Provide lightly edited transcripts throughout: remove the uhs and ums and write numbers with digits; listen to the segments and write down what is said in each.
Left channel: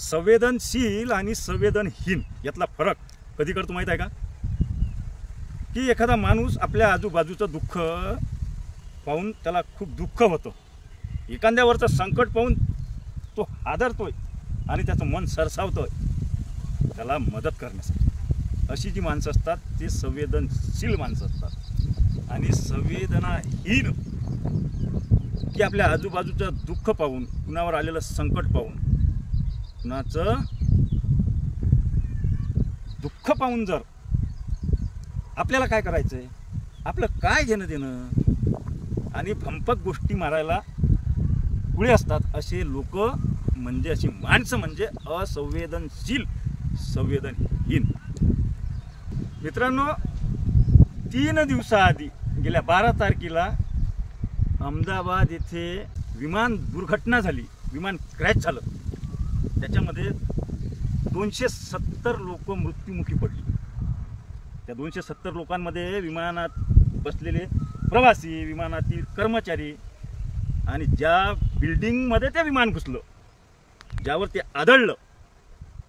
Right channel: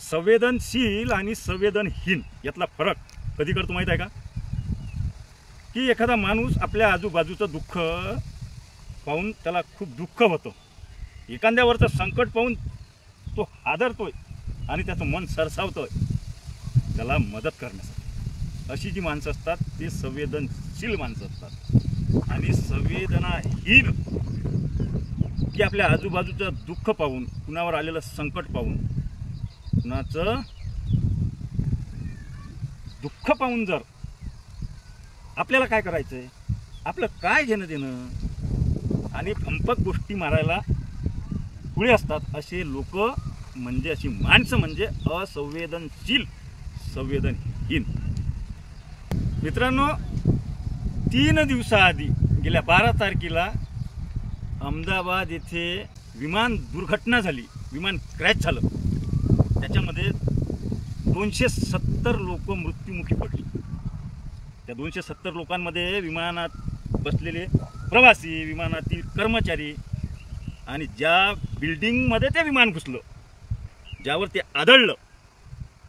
संवेदनशील आणि संवेदनहीन यातला फरक कधी करतो माहीत आहे का? की एखादा माणूस आपल्या आजूबाजूचं दुःख पाहून त्याला खूप दुःख होतं, एखाद्यावरचं संकट पाहून तो हादरतोय आणि त्याचं मन सरसावतोय त्याला मदत करण्यासाठी. अशी जी माणसं असतात ते संवेदनशील माणसं असतात. आणि संवेदनाहीन की आपल्या आजूबाजूचं दुःख पाहून, कुणावर आलेलं संकट पाहून, कुणाचं दुःख पाहून जर आपल्याला काय करायचं आहे, आपलं काय घेणं देणं आणि भंपक गोष्टी मारायला पुढे असतात असे लोक म्हणजे, अशी माणसं म्हणजे असंवेदनशील, संवेदनहीन. मित्रांनो, 3 दिवसाआधी गेल्या 12 तारखेला अहमदाबाद येथे विमान दुर्घटना झाली, विमान क्रॅश झालं. त्याच्यामध्ये 270 लोक मृत्युमुखी पडली. त्या 270 लोकांमध्ये विमानात बसलेले प्रवासी, विमानातील कर्मचारी आणि ज्या बिल्डिंगमध्ये ते विमान घुसलं, ज्यावर ते आदळलं,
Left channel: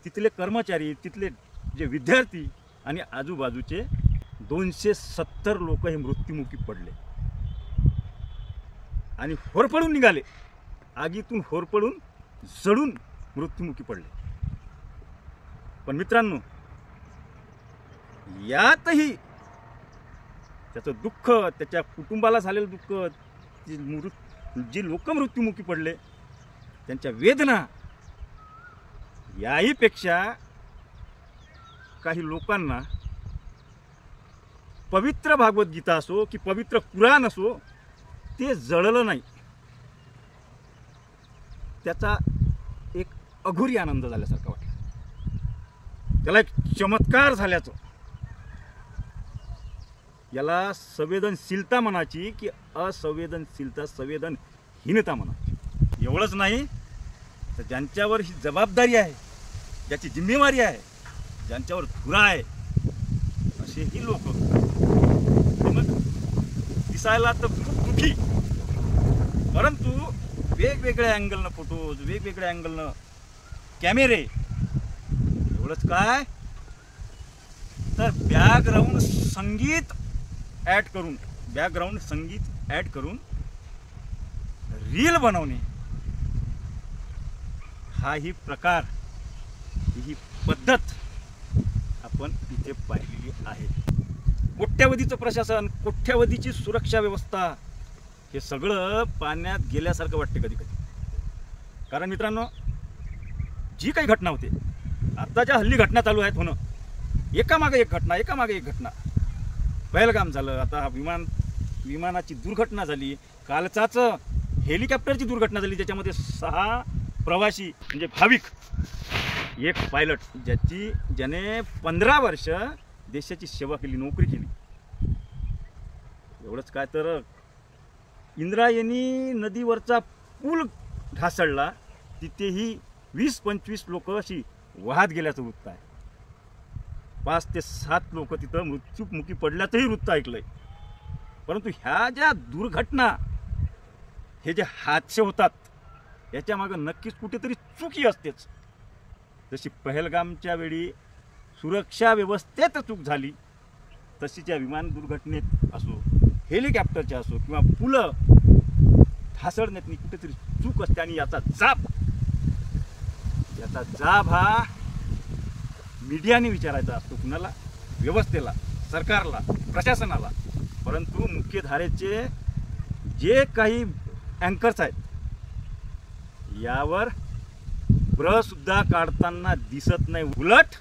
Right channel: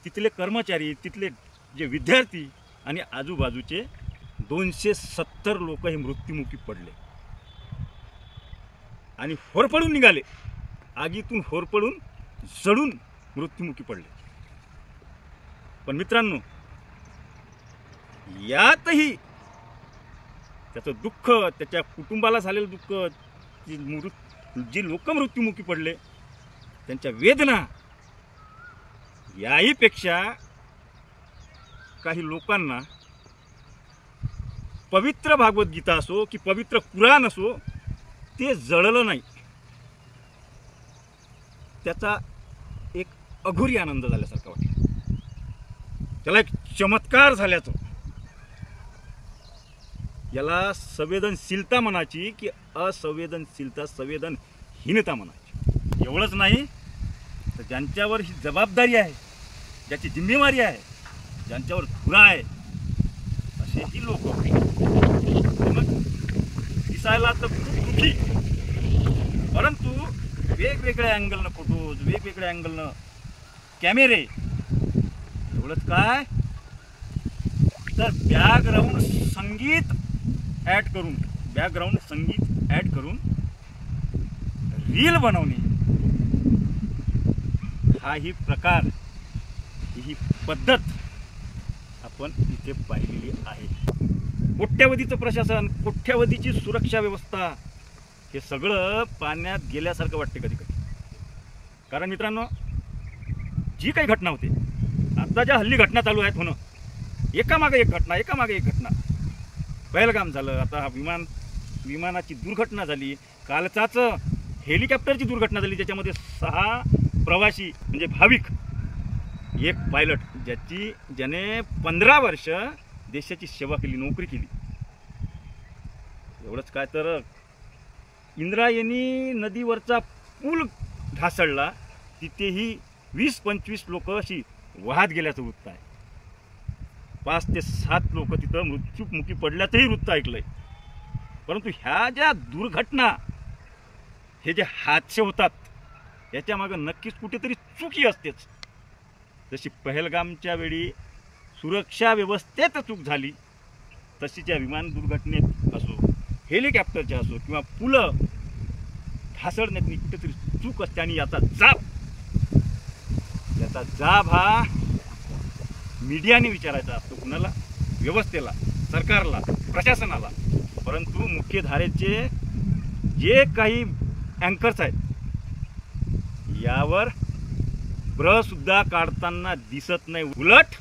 तिथले कर्मचारी, तिथले जे विद्यार्थी आणि आजूबाजूचे 270 लोक हे मृत्युमुखी पडले आणि होरपळून निघाले. आगीतून होरपळून जळून मृत्युमुखी पडले. पण मित्रांनो, यातही त्याचं दुःख, त्याच्या कुटुंबाला झालेलं दुःख, जी लोक मृत्युमुखी पडले त्यांच्या वेदना, याहीपेक्षा काही लोकांना पवित्र भागवद्गीता असो की पवित्र कुराण असो, ते जळलं नाही. त्याचा एक अघोरी आनंद झाल्यासारखा वाटला, त्याला एक चमत्कार झाल्याचं. याला संवेदनशीलता म्हणायची की असंवेदनशीलता, संवेदनहीनता म्हणायची. एवढंच नाही तर ज्यांच्यावर ही जबाबदारी आहे, ज्याची जिम्मेवारी आहे, ज्यांच्यावर धुरा आहे, असेही लोक दिसायला तर खूप दुःखी, परंतु वेगवेगळ्या अँगलनं फोटोज, वेगवेगळ्या अँगलनं कॅमेरे. एवढंच काय तर बॅकग्राऊंड संगीत ॲड करून रील बनवणे, हाही प्रकार, ही पद्धत आपण इथे पाहिलेली आहे. कोट्यावधीचं प्रशासन, कोट्यावधीची सुरक्षा व्यवस्था, हे सगळं पाण्यात गेल्यासारखं वाटते कधी कधी. कारण मित्रांनो, जी काही घटना होते, आता ज्या हल्ली घटना चालू आहेत होणं, एकामागे एक घटना. पहलगाम झालं, आता हा विमानाची दुर्घटना झाली, कालचाच हेलिकॉप्टरची दुर्घटना झाली, ज्याच्यामध्ये 6 प्रवासी म्हणजे भाविक, एक पायलट, ज्याने 15 वर्ष देशाची सेवा केली, नोकरी केली. एवढंच काय तर इंद्रायणी नदीवरचा पूल ढासळला, तिथेही 20-25 लोक अशी वाहत गेल्याचं वृत्त आहे. 5 ते 7 लोक तिथं मृत्युमुखी पडल्याचंही वृत्त ऐकलंय. परंतु ह्या ज्या दुर्घटना, हे जे हादसे होतात, याच्या मागं नक्कीच कुठेतरी चुकी असतेच. जशी पहलगामच्या वेळी सुरक्षा व्यवस्थेत चूक झाली, तशी त्या विमान दुर्घटनेत असो, हेलिकॉप्टरच्या असो किंवा पुलं ढासळण्यात कुठेतरी चूक असते. आणि याचा जाब हा मीडियाने विचारायचा असतो. कुणाला? व्यवस्थेला, सरकारला, प्रशासनाला. परंतु मुख्यधारेचे जे काही अँकर्स आहेत, यावर सुद्धा काढताना दिसत नाही. उलट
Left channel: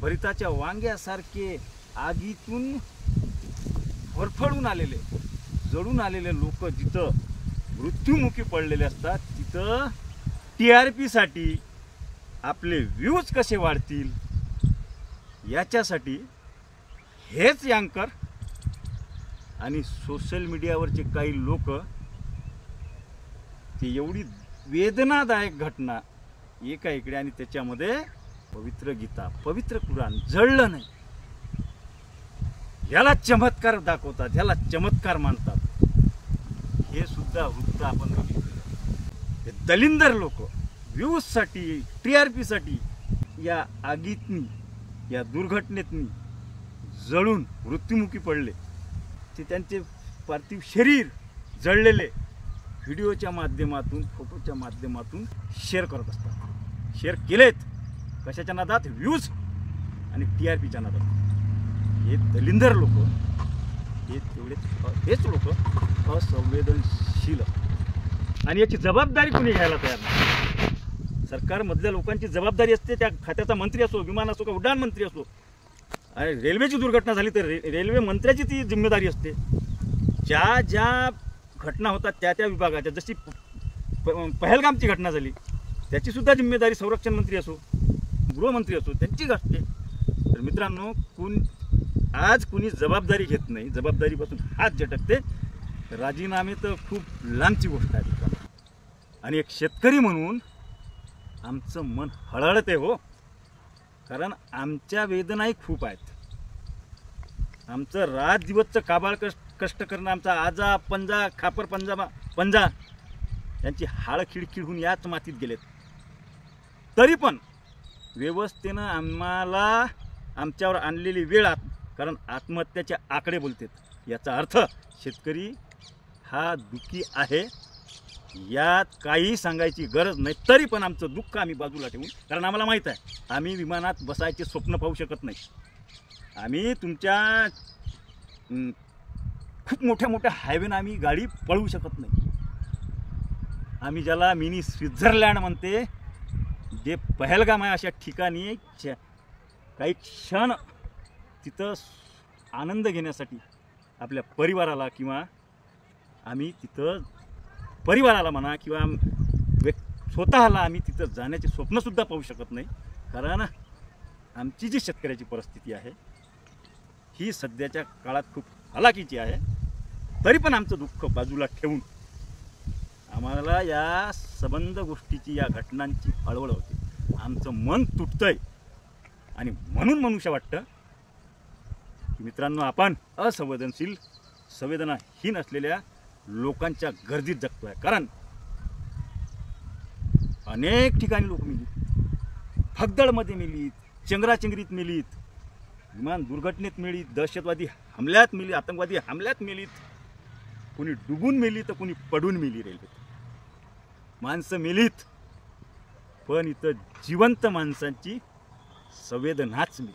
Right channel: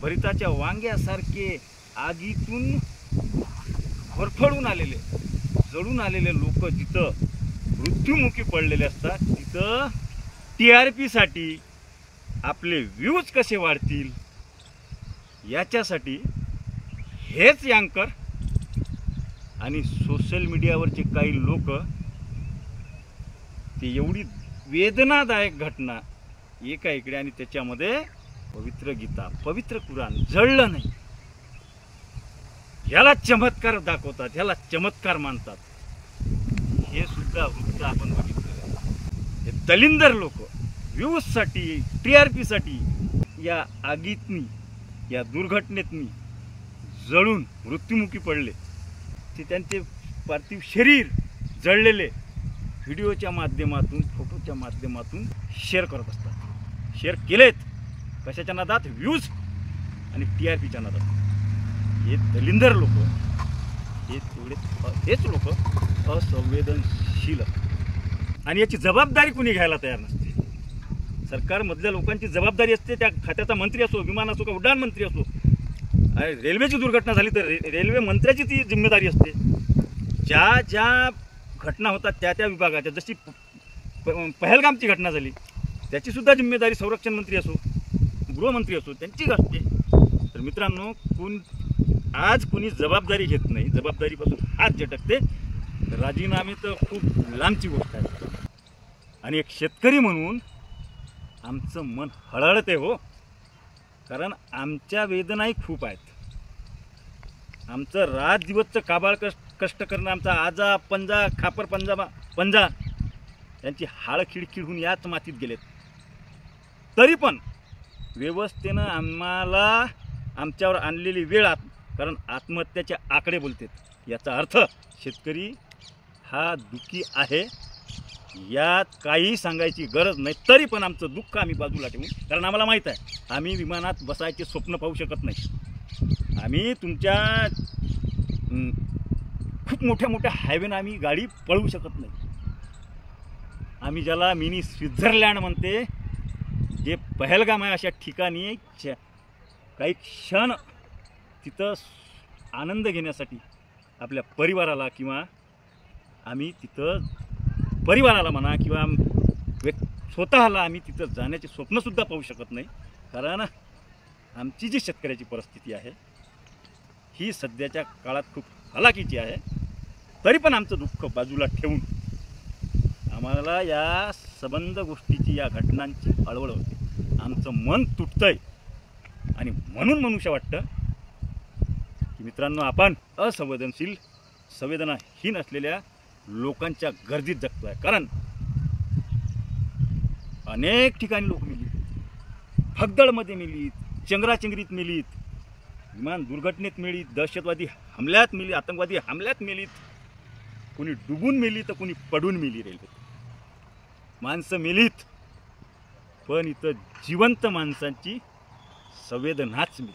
भरिताच्या वांग्यासारखे आगीतून होरफळून आलेले, जळून आलेले लोक जिथं मृत्युमुखी पडलेले असतात, तिथं TRP साठी, आपले व्ह्यूज कसे वाढतील याच्यासाठी हेच अँकर आणि सोशल मीडियावरचे काही लोक ते एवढी वेदनादायक घटना एका इकडे आणि त्याच्यामध्ये पवित्र गीता, पवित्र कुराण जळलं नाही, ह्याला चमत्कार दाखवतात, ह्याला चमत्कार मानतात. हे सुद्धा वृत्त आपण बघितलेलं आहे. हे दलिंदर लोक, व्ह्यूजसाठी TRPसाठी या आगीतनी या दुर्घटनेतनी जळून मृत्युमुखी पडले. ते त्यांचे पार्थिव शरीर जळलेले व्हिडिओच्या माध्यमातून फोटोच्या माध्यमातून शेअर करत असतात. शेअर केलेत कशाच्या नादात? व्ह्यूज आणि TRPच्या नादात. हे दलिंदर लोक, हेच लोक असंवेदनशील आणि याची जबाबदारी कुणी घ्यायला तयार नाही. सरकारमधल्या लोकांची जबाबदारी असते. त्या खात्याचा मंत्री असो, विमान असो, का उड्डाण मंत्री असो. आणि रेल्वेची दुर्घटना झाली तर रेल्वे मंत्र्याची ती जिम्मेदारी असते. ज्या ज्या घटना होतात त्या त्या विभागाच्या, जशी पहलगामची घटना झाली त्याची सुद्धा जिम्मेदारी संरक्षण मंत्री असो, गृहमंत्री असो, त्यांची असते. तर मित्रांनो, आज कुणी जबाबदारी घेत नाही, जबाबदारीपासून हात झटकते. राजीनामे तर खूप लांबची गोष्ट आहे. आणि एक शेतकरी म्हणून आमचं मन हळहळते हो, कारण आमच्या वेदनाही खूप आहेत. आमचं रात दिवसचं काबाळ कष्ट करणं, आमचा आजा पंजा खापर पंजा यांची हाड खिडखिड होऊन याच मातीत गेलेत. तरी पण व्यवस्थेनं आम्हाला आमच्यावर आणलेली वेळ, कारण आत्महत्याचे आकडे बोलतात. याचा अर्थ शेतकरी हा दुःखी आहे, यात काही सांगायची गरज नाही. तरी पण आमचं दुःख आम्ही बाजूला ठेवून, कारण आम्हाला माहीत आहे आम्ही विमानात बसायचे स्वप्न पाहू शकत नाही. आम्ही तुमच्या खूप मोठ्या मोठ्या हायवेनं आम्ही गाडी पळवू शकत नाही. आम्ही ज्याला मिनी स्वित्झर्लंड म्हणते, जे पहलगाम आहे, अशा ठिकाणी काही क्षण तिथं आनंद घेण्यासाठी आपल्या परिवाराला, किंवा आम्ही तिथं परिवाराला म्हणा किंवा स्वतःला आम्ही तिथं जाण्याचे स्वप्नसुद्धा पाहू शकत नाही. कारण आमची जी शेतकऱ्याची परिस्थिती आहे ही सध्याच्या काळात खूप हलाखीची आहे. तरी पण आमचं दुःख बाजूला ठेवून आम्हाला या संबंध गोष्टीची, या घटनांची हळहळ होते. आमचं मन तुटतंय आणि म्हणून मनुष्य वाटतं की मित्रांनो, आपण असंवेदनशील, संवेदनाहीन असलेल्या लोकांच्या गर्दीत जगतोय. कारण अनेक ठिकाणी लोक मिलीत, भगदळमध्ये मिलीत, चंगराचंगरीत मिलीत, विमान दुर्घटनेत मिलीत, दहशतवादी हमल्यात मिली, आतंकवादी हमल्यात मिलीत. कोणी डुबून मिली तर कोणी पडून मिली. रेल्वेत माणसं मिलीत, पण इथं जिवंत माणसांची संवेदनाच मिली.